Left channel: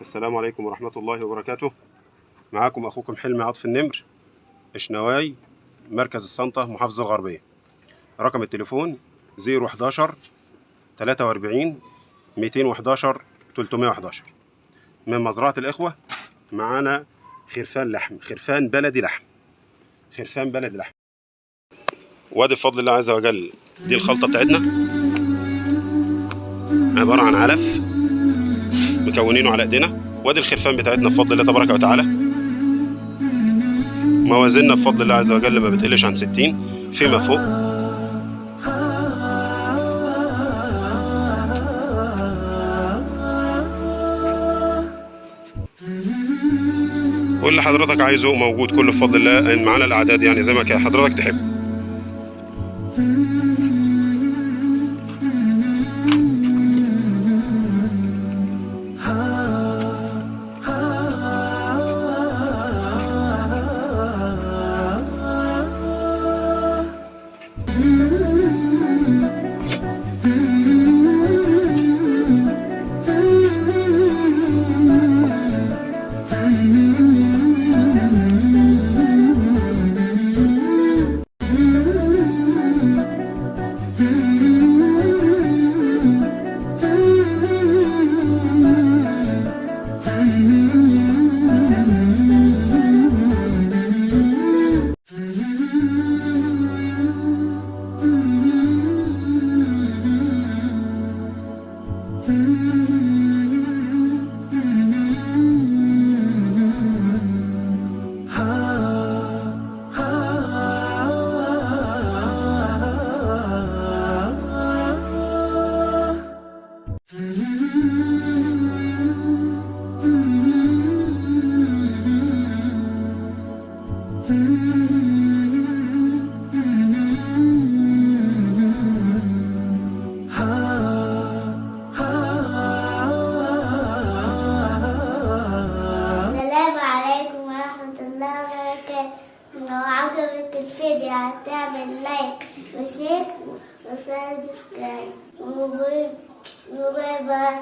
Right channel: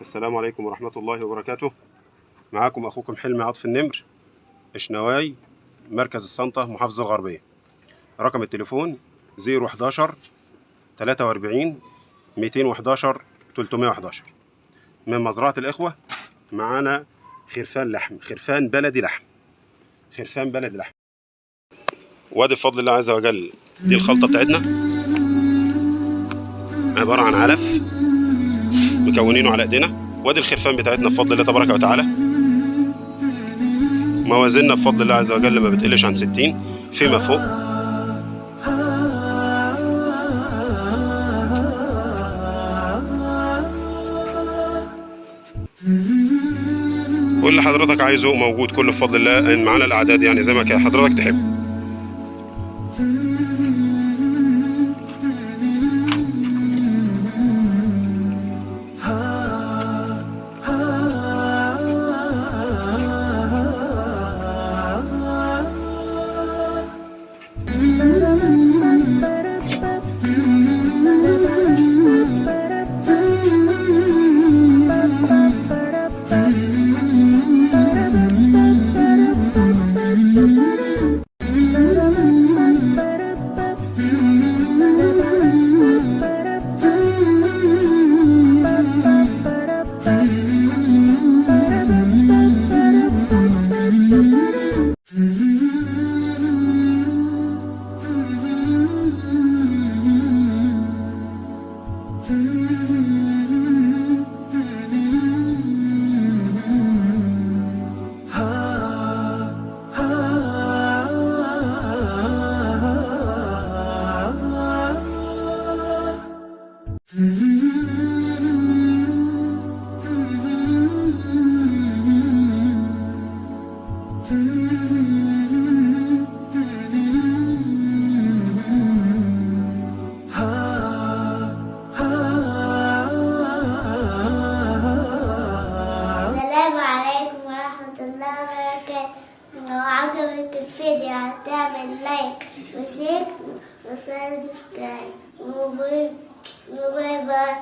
السلام عليكم ورحمة الله وبركاته. معاكم أخوكم حلمي عطف النمر، اشنواي، مركز السنطة، محافظة الغربية. رقم التليفون 011 43 211 311. من مزرعة الإخوة. معانا خرفان لحم، خرفان بلدي لحم، خرفان بلدي لحم. وادي بفضل الله عز وجل دي الخلطة بتاعتنا، عبارة عن علف مكونينه على ايدينا. وادي الخرفان بتاعتنا بفضل الله تبارك وتعالى. موازيننا بفضل الله عز وجل ما بتقلش عن 60 فيما فوق. واللي حضرتك عايزه موجود كله بفضل الله. ان معانا الاعداد يعني زي ما حضرتك تحب. السلام عليكم ورحمة الله وبركاته. لو عجبك الفيديو هتعمل لايك وشير وسبسكرايب وباي باي.